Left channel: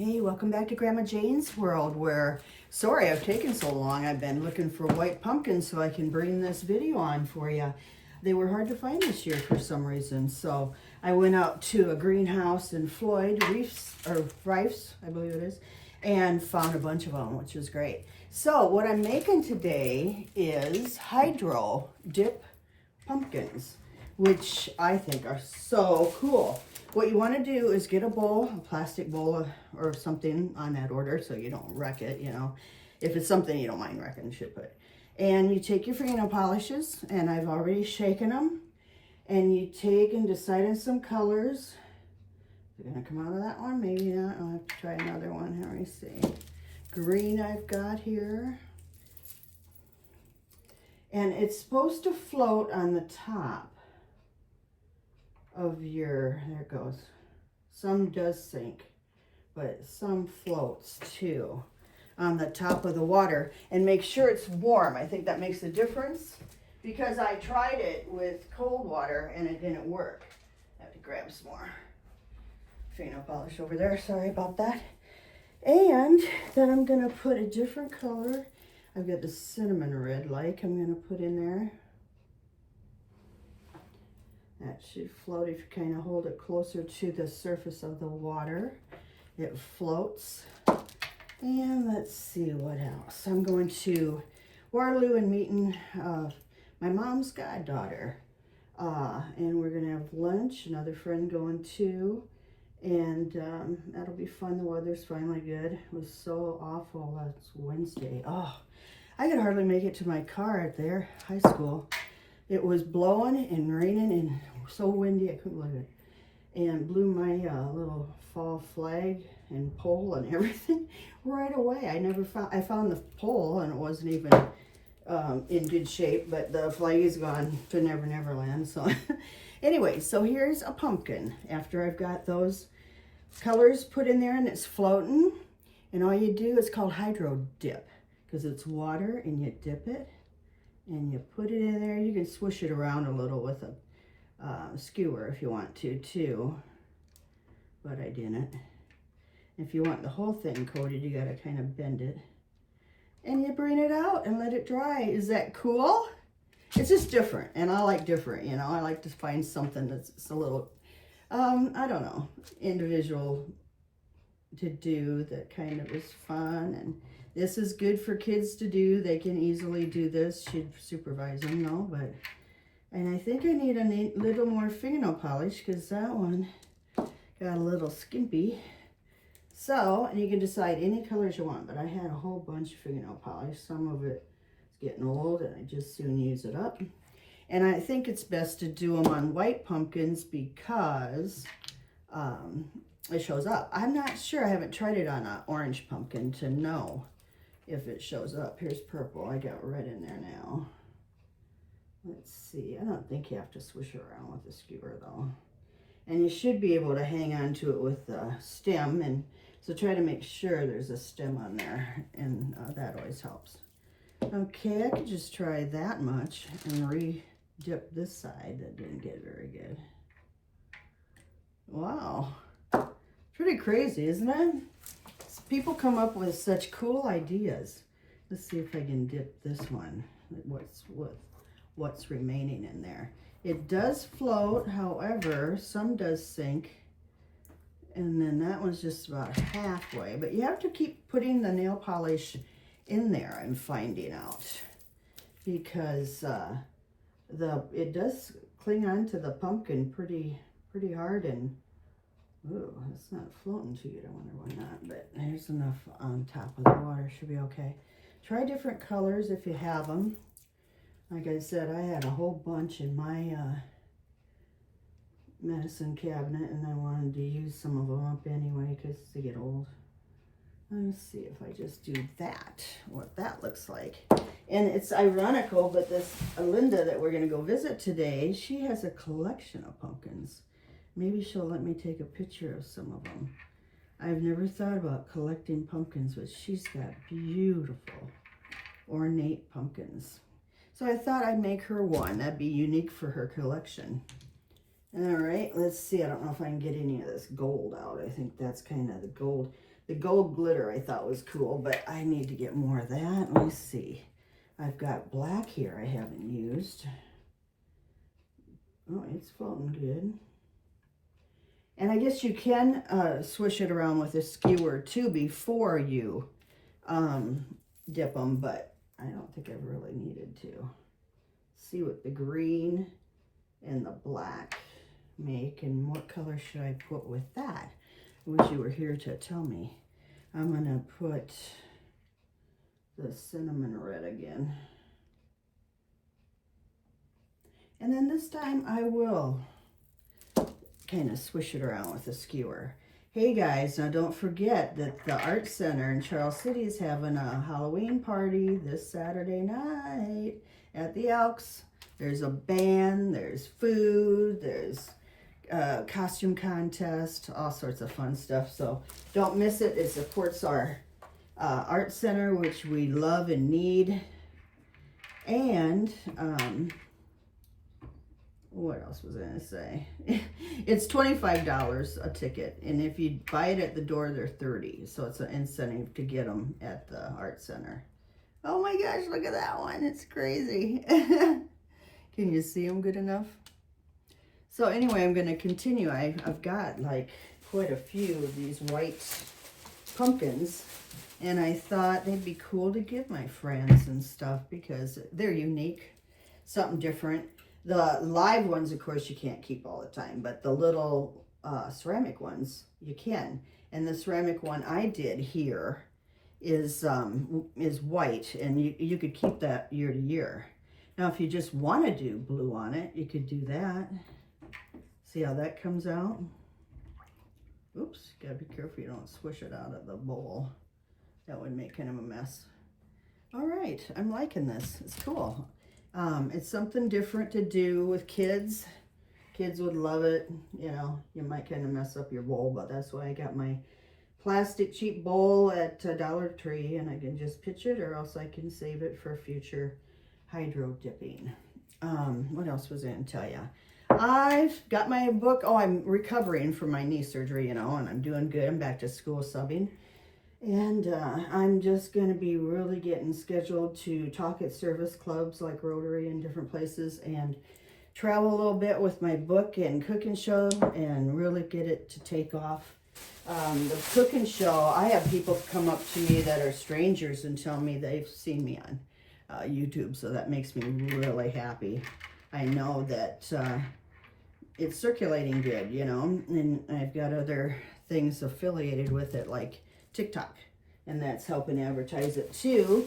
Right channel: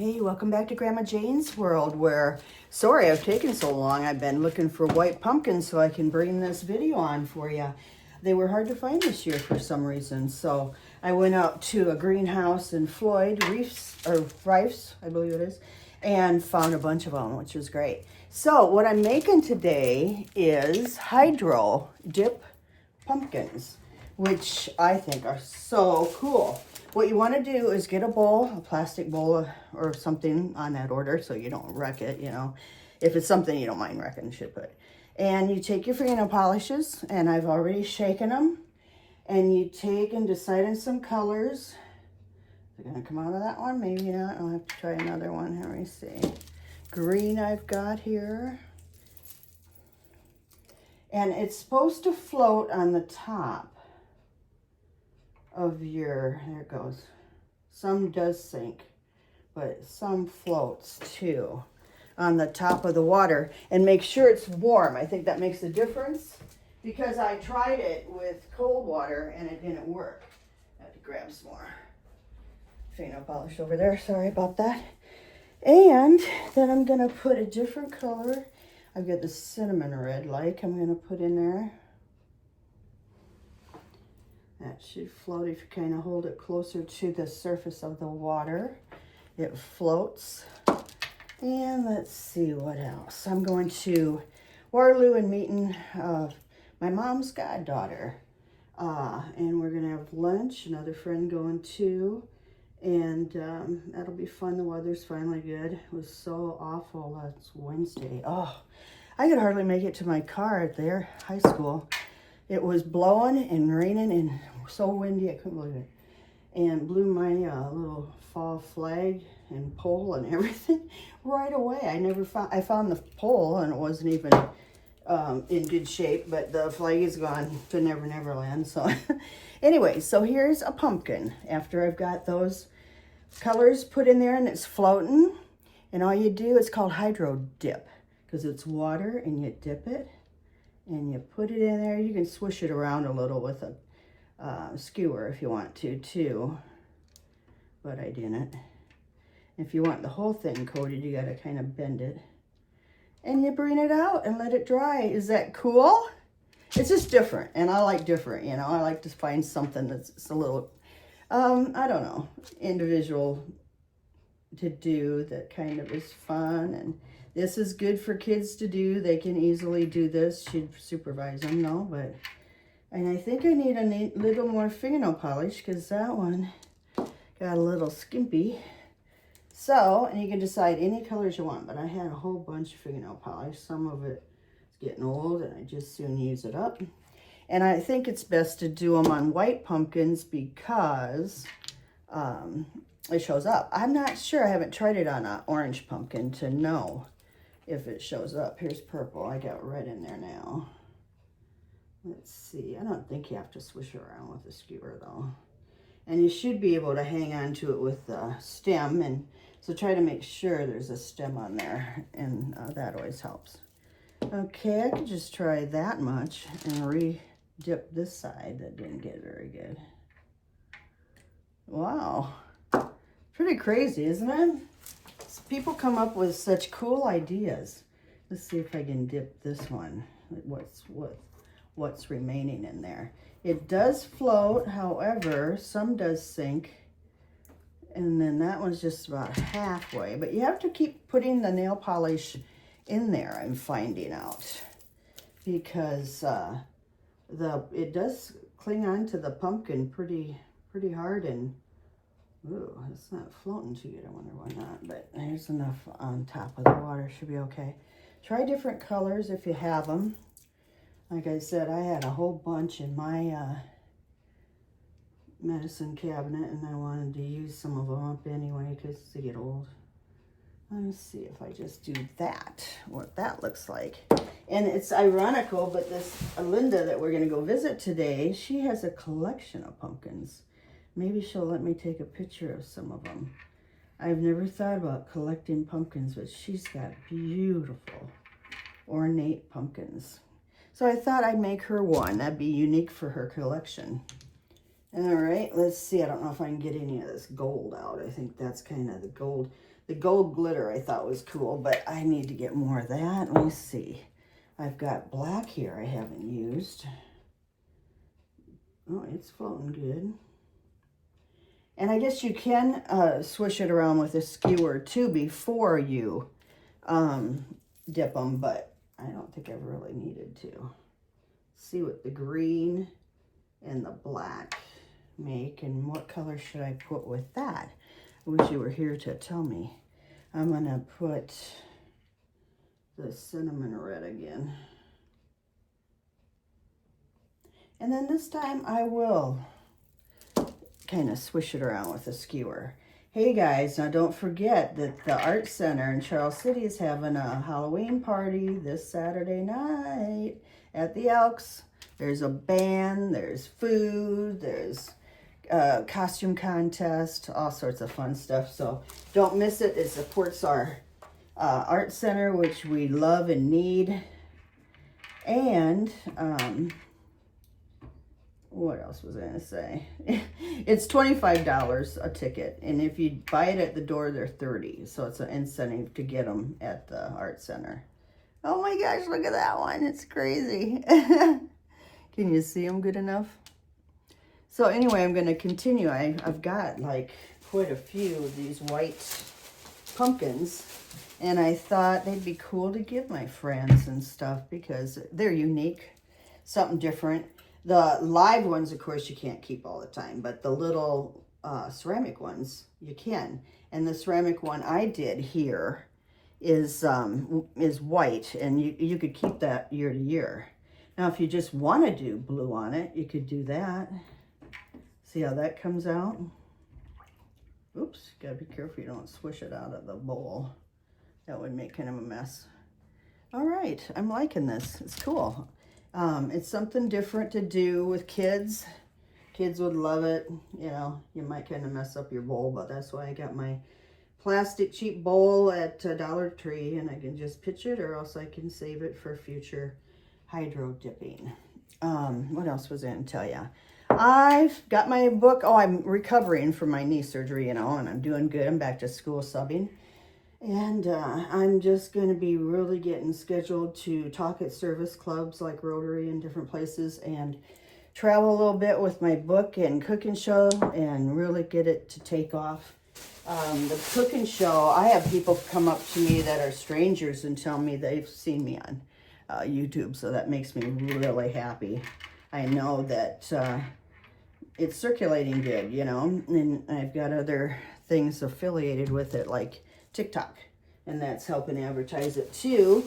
Hey, welcome back to Grandma Jane's World, where, sorry I've taken so long. I've been looking for white pumpkins so I can bring this video on for you. They were hard to find this year for some reason, so I went out to a greenhouse in Floyd, Rifes, I believe it is, and found a bunch of them, which was great. So what I'm making today is hydro dip pumpkins, which I think are so cool. What you want to do is get a bowl, a plastic bowl or something on that order so you don't wreck it, you know. If it's something you don't mind wrecking, ship it. And you take your fingernail polishes, and I've already shaken them. And you take and decide on some colors. They're going to come out of that one, maybe not. I'll have to try another one. Let me see. Green I've got here. And it's supposed to float on the top of your, there it goes. Some does sink, but some floats too on the top of the water. And make sure it's warm. I think that makes a difference because I tried it with cold water and it didn't work. I have to grab some more fingernail polish over there. Sorry about that. And then I'm gonna put a different color. I've got the cinnamon red like I'm gonna put in there. That should float if you kind of hold it closer to the surface of the water. It floats. And let's see what else. I'm going to Waterloo and meeting my mom's goddaughter. And we're going to have lunch. Another friend going too. And that'll be fun. The weather's finally good. It was so awful last Wednesday. Oh, I could hardly make it to my car at their high school. It was blowing and raining and so windy I couldn't believe it. And blew my little fall flag and pole and everything right away. I found the pole and it wasn't even in good shape, but the flag is gone to Never Never Land. So anyway, so here's a pumpkin after I've got those colors put in there and it's floating. And all you do is called hydro dip because it's water and you dip it. And you put it in there. You can swish it around a little with a skewer if you want to too, but I didn't. If you want the whole thing coated, you gotta kind of bend it. And you bring it out and let it dry. Is that cool? It's just different, and I like different, you know. I like to find something that's a little, I don't know, individual to do that kind of is fun. And this is good for kids to do. They can easily do this. Should supervise them, no, but, and I think I need a little more fingernail polish because that one got a little skimpy. So, and you can decide any colors you want, but I had a whole bunch of fingernail polish. Some of it is getting old and I just soon use it up. And I think it's best to do them on white pumpkins because it shows up. I'm not sure. I haven't tried it on an orange pumpkin to know if it shows up. Here's purple. I got red in there now. Let's see. I don't think you have to swish around with a skewer though. And you should be able to hang on to it with the stem. And so try to make sure there's a stem on there. And that always helps. Okay, I could just try that much and re-dip this side. That didn't get very good. Wow. Pretty crazy, isn't it? People come up with such cool ideas. Let's see if I can dip this one. What's remaining in there. It does float, however, some does sink. And then that one's just about halfway. But you have to keep putting the nail polish in there, I'm finding out. Because it does cling on to the pumpkin pretty hard, and ooh, it's not floating too good. I wonder why not, but there's enough on top of the water. Should be okay. Try different colors if you have them. Like I said, I had a whole bunch in my medicine cabinet, and I wanted to use some of them up anyway because they get old. Let's see if I just do that, what that looks like. And it's ironical, but this Linda that we're going to go visit today, she has a collection of pumpkins. Maybe she'll let me take a picture of some of them. I've never thought about collecting pumpkins, but she's got beautiful, ornate pumpkins. So I thought I'd make her one. That'd be unique for her collection. All right, let's see. I don't know if I can get any of this gold out. I think that's kind of the gold. The gold glitter I thought was cool, but I need to get more of that. Let me see. I've got black here I haven't used. Oh, it's floating good. And I guess you can swish it around with a skewer too before you dip them, but I don't think I've really needed to. See what the green and the black make, and what color should I put with that? I wish you were here to tell me. I'm gonna put the cinnamon red again. And then this time I will kind of swish it around with a skewer. Hey guys, now don't forget that the Art Center in Charles City is having a Halloween party this Saturday night at the Elks. There's a band, there's food, there's a costume contest, all sorts of fun stuff. So don't miss it. It supports our Art Center, which we love and need. And what else was I going to say? It's $25 a ticket, and if you buy it at the door, they're $30. So it's an incentive to get them at the Art Center. Oh my gosh, look at that one. It's crazy. Can you see them good enough? So anyway, I'm going to continue. I've got like quite a few of these white pumpkins, and I thought they'd be cool to give my friends and stuff because they're unique, something different. The live ones, of course, you can't keep all the time, but the little ceramic ones, you can. And the ceramic one I did here is white, and you could keep that year to year. Now, if you just want to do blue on it, you could do that. See how that comes out? Oops, gotta be careful you don't swish it out of the bowl. That would make kind of a mess. All right, I'm liking this. It's cool. It's something different to do with kids. Kids would love it. You know, you might kind of mess up your bowl, but that's why I got my plastic cheap bowl at Dollar Tree, and I can just pitch it, or else I can save it for future hydro dipping. What else was I going to tell you? I've got my book. Oh, I'm recovering from my knee surgery, you know, and I'm doing good. I'm back to school subbing. And I'm just going to be really getting scheduled to talk at service clubs like Rotary and different places, and travel a little bit with my book and cooking show, and really get it to take off. The cooking show, I have people come up to me that are strangers and tell me they've seen me on YouTube, so that makes me really happy. I know that it's circulating good, you know, and I've got other things affiliated with it, like TikTok, and that's helping advertise it too.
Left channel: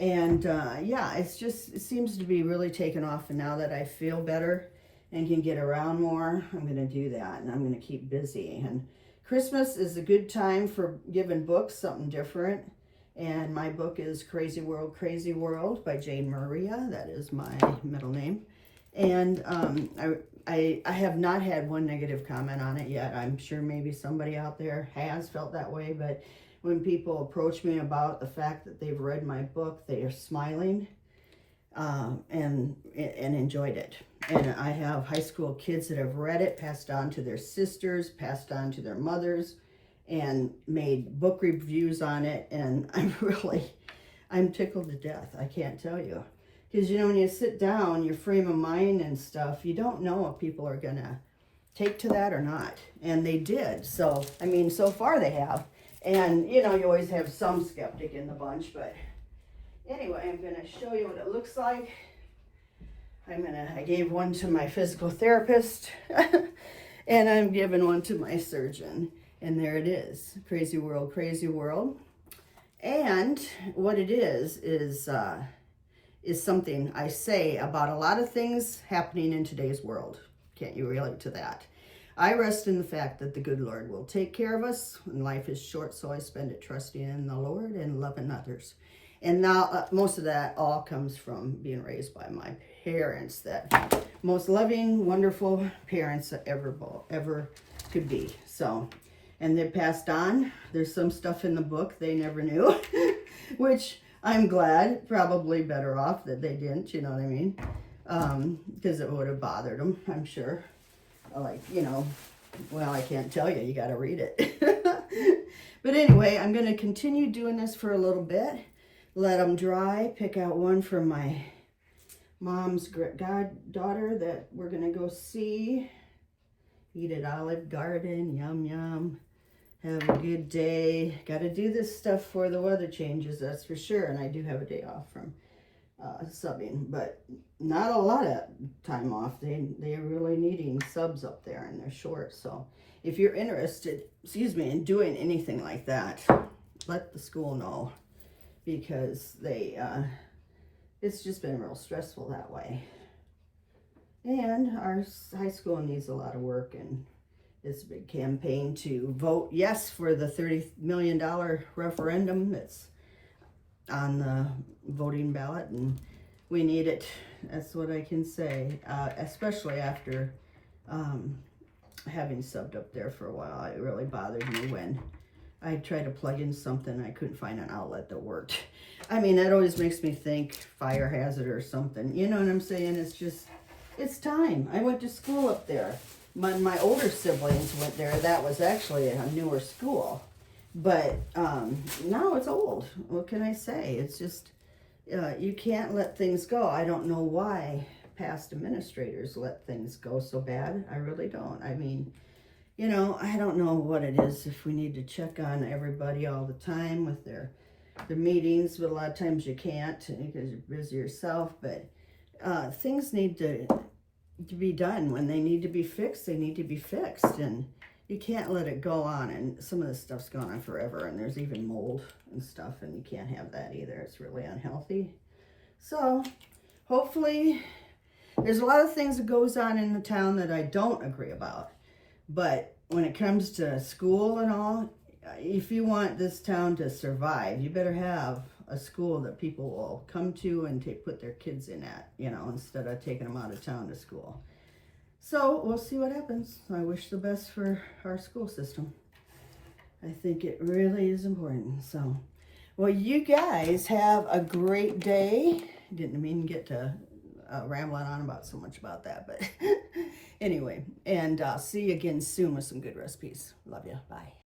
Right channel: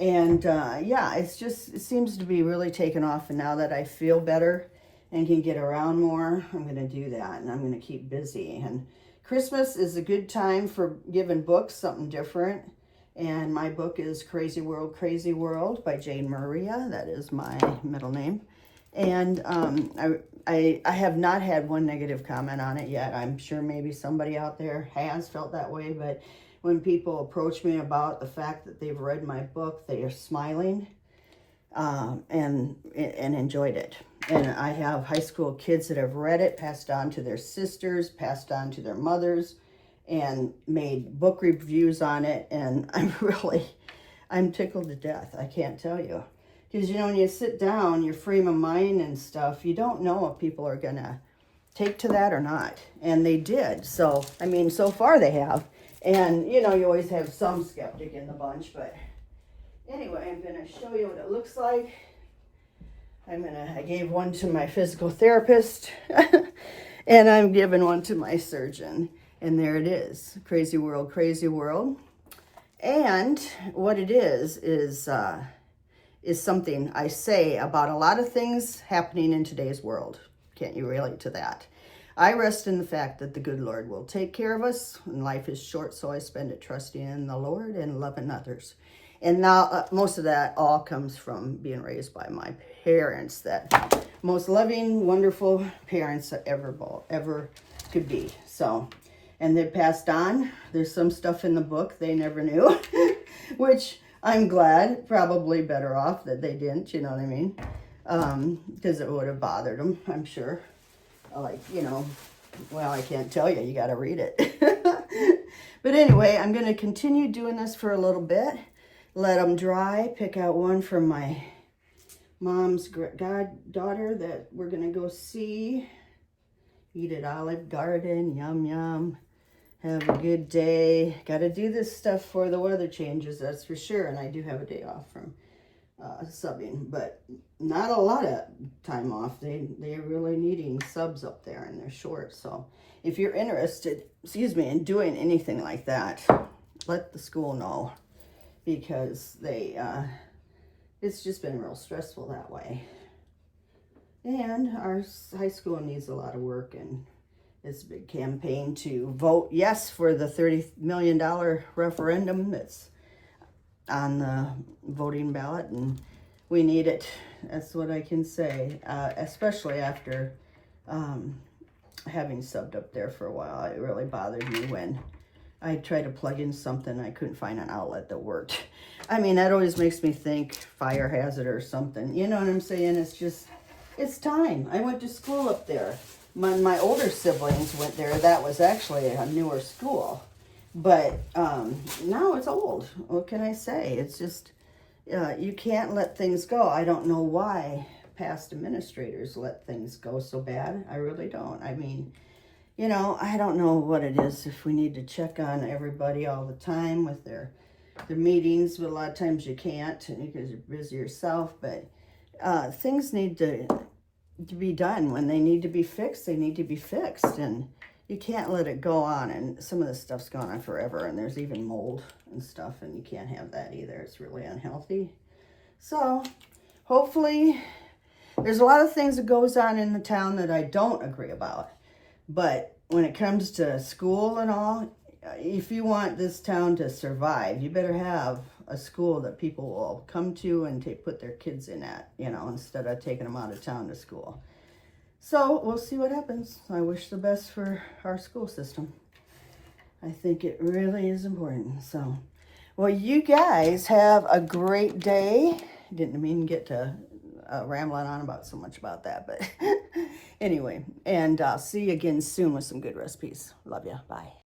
And yeah, it seems to be really taking off, and now that I feel better and can get around more, I'm going to do that, and I'm going to keep busy. And Christmas is a good time for giving books, something different. And my book is Crazy World, Crazy World by Jane Maria. That is my middle name. And I have not had one negative comment on it yet. I'm sure maybe somebody out there has felt that way, but when people approach me about the fact that they've read my book, they are smiling and enjoyed it. And I have high school kids that have read it, passed on to their sisters, passed on to their mothers, and made book reviews on it. And I'm tickled to death. I can't tell you. Because, you know, when you sit down, your frame of mind and stuff, you don't know if people are going to take to that or not. And they did. So, I mean, so far they have. And, you know, you always have some skeptic in the bunch. But anyway, I'm going to show you what it looks like. I gave one to my physical therapist. And I'm giving one to my surgeon. And there it is. Crazy World, Crazy World. And what it is something I say about a lot of things happening in today's world. Can't you relate to that? I rest in the fact that the good Lord will take care of us, and life is short, so I spend it trusting in the Lord and loving others. And now most of that all comes from being raised by my parents, that most loving, wonderful parents that ever could be. So, and they passed on. There's some stuff in the book they never knew, which I'm glad, probably better off that they didn't, you know what I mean? Because it would have bothered them, I'm sure. Like, you know, well, I can't tell you, you got to read it. But anyway, I'm going to continue doing this for a little bit. Let them dry. Pick out one from my mom's goddaughter that we're going to go see. Eat at Olive Garden. Yum, yum. Have a good day. Got to do this stuff for the weather changes, that's for sure. And I do have a day off from subbing, but not a lot of time off. They're really needing subs up there, and they're short. So if you're interested, in doing anything like that, let the school know, because it's just been real stressful that way. And our high school needs a lot of work, and it's a big campaign to vote yes for the $30 million referendum that's on the voting ballot, and we need it. That's what I can say, especially after having subbed up there for a while. It really bothered me when I tried to plug in something. I couldn't find an outlet that worked. I mean, that always makes me think fire hazard or something. You know what I'm saying? It's time. I went to school up there. My older siblings went there. That was actually a newer school. But now it's old. What can I say? It's just, you can't let things go. I don't know why past administrators let things go so bad. I really don't. I mean, I don't know what it is, if we need to check on everybody all the time with their meetings, but a lot of times you can't because you're busy yourself. But things need to be done. When they need to be fixed, they need to be fixed. And you can't let it go on, and some of this stuff's gone on forever, and there's even mold and stuff, and you can't have that either. It's really unhealthy. So hopefully, there's a lot of things that goes on in the town that I don't agree about, but when it comes to school and all, if you want this town to survive, you better have a school that people will come to and put their kids in at, instead of taking them out of town to school. So we'll see what happens. I wish the best for our school system. I think it really is important. So, well, you guys have a great day. Didn't mean to get to rambling on about so much about that, but anyway. And see you again soon with some good recipes. Love ya. Bye.